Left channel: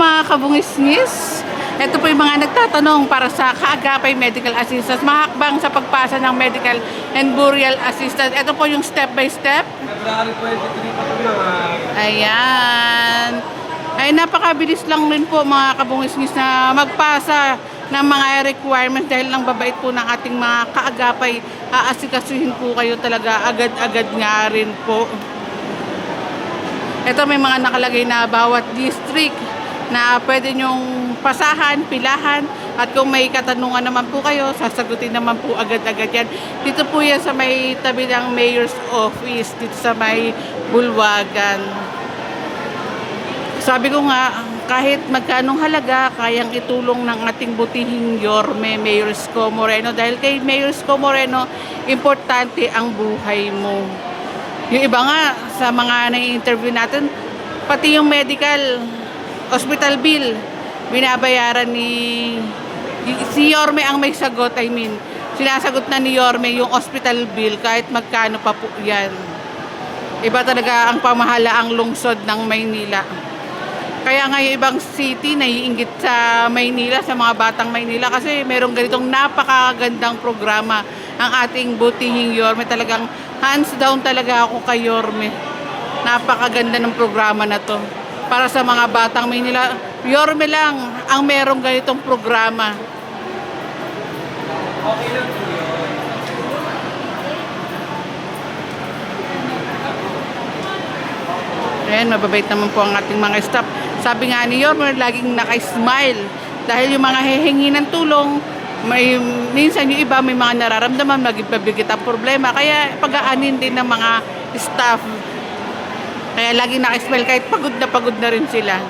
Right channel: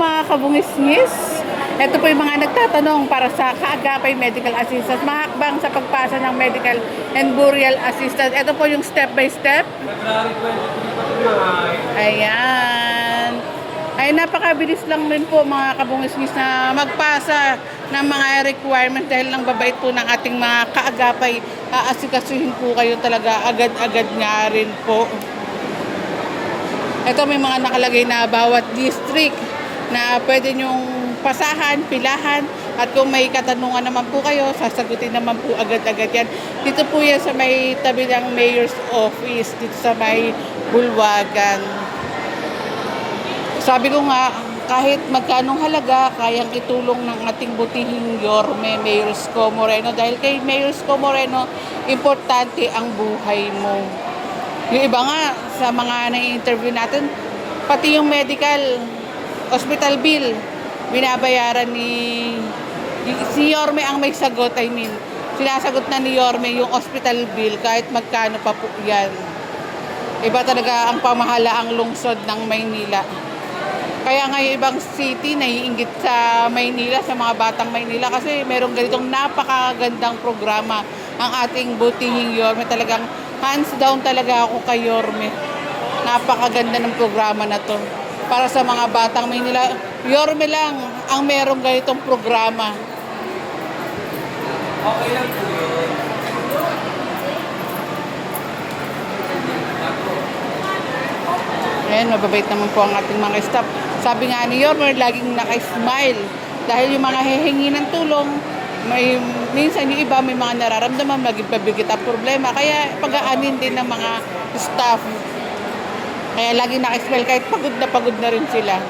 mga kabungis-ngis. Ito po yung mga nagtatanong para sa kaagapay medical assistance. Mahakbang sa pagpasa ng medical and burial assistance. Ito po yung step by step. February 23 pa mga... Ayan. Ay napakabilis lang rin po mga kabungis-ngis na magpasa ng mga requirements dahil nang babait po ng ating mga kaagapay. Aasikasuhin po kayo talaga agad-agad nga rin po. Ito may mga nakalagay na bawat district na pwede nyong pasahan, pilahan, at kung may katanungan naman po kayo, sasagutin naman po agad-agad yan. Dito po yan sa may tabi ng Mayor's Office, dito sa may Bulwagan. Sabi ko nga, kahit magkanong halaga, kayang itulong ng ating butihing Yorme, Mayor Isko Moreno. Dahil kay Mayor Isko Moreno, importante ang buhay mo. Yung iba nga, sa mga na-interview natin, pati yung medical, hospital bill, binabayaran si Yorme ang may sagot. I mean, sinasagot na ni Yorme yung hospital bill kahit magkano pa po yan. Iba talaga ang pamahalaang lungsod ng Maynila. Kaya nga yung ibang city naiinggit sa Maynila, sa mga batang Maynila kasi merong ganitong napakagandang programa ang ating butihing Yorme. Talagang hands down talaga ako kay Yorme. Napakaganda ng programa na to. Para sa mga batang Maynila, Yorme lang ang merong ganitong programa. Okay lang po yun. Ayan, mababait naman po ang ating mga staff. Sabi nga ni Yorme, laging naka-smile. Dahil yung mga hehengi ng tulong, minsan yung iba may mga nararamdaman, magigpabigit ang problema. Kaya pag-aanin din ng mga staff. Kaya laging naka-smile kahit pagod na rin sila.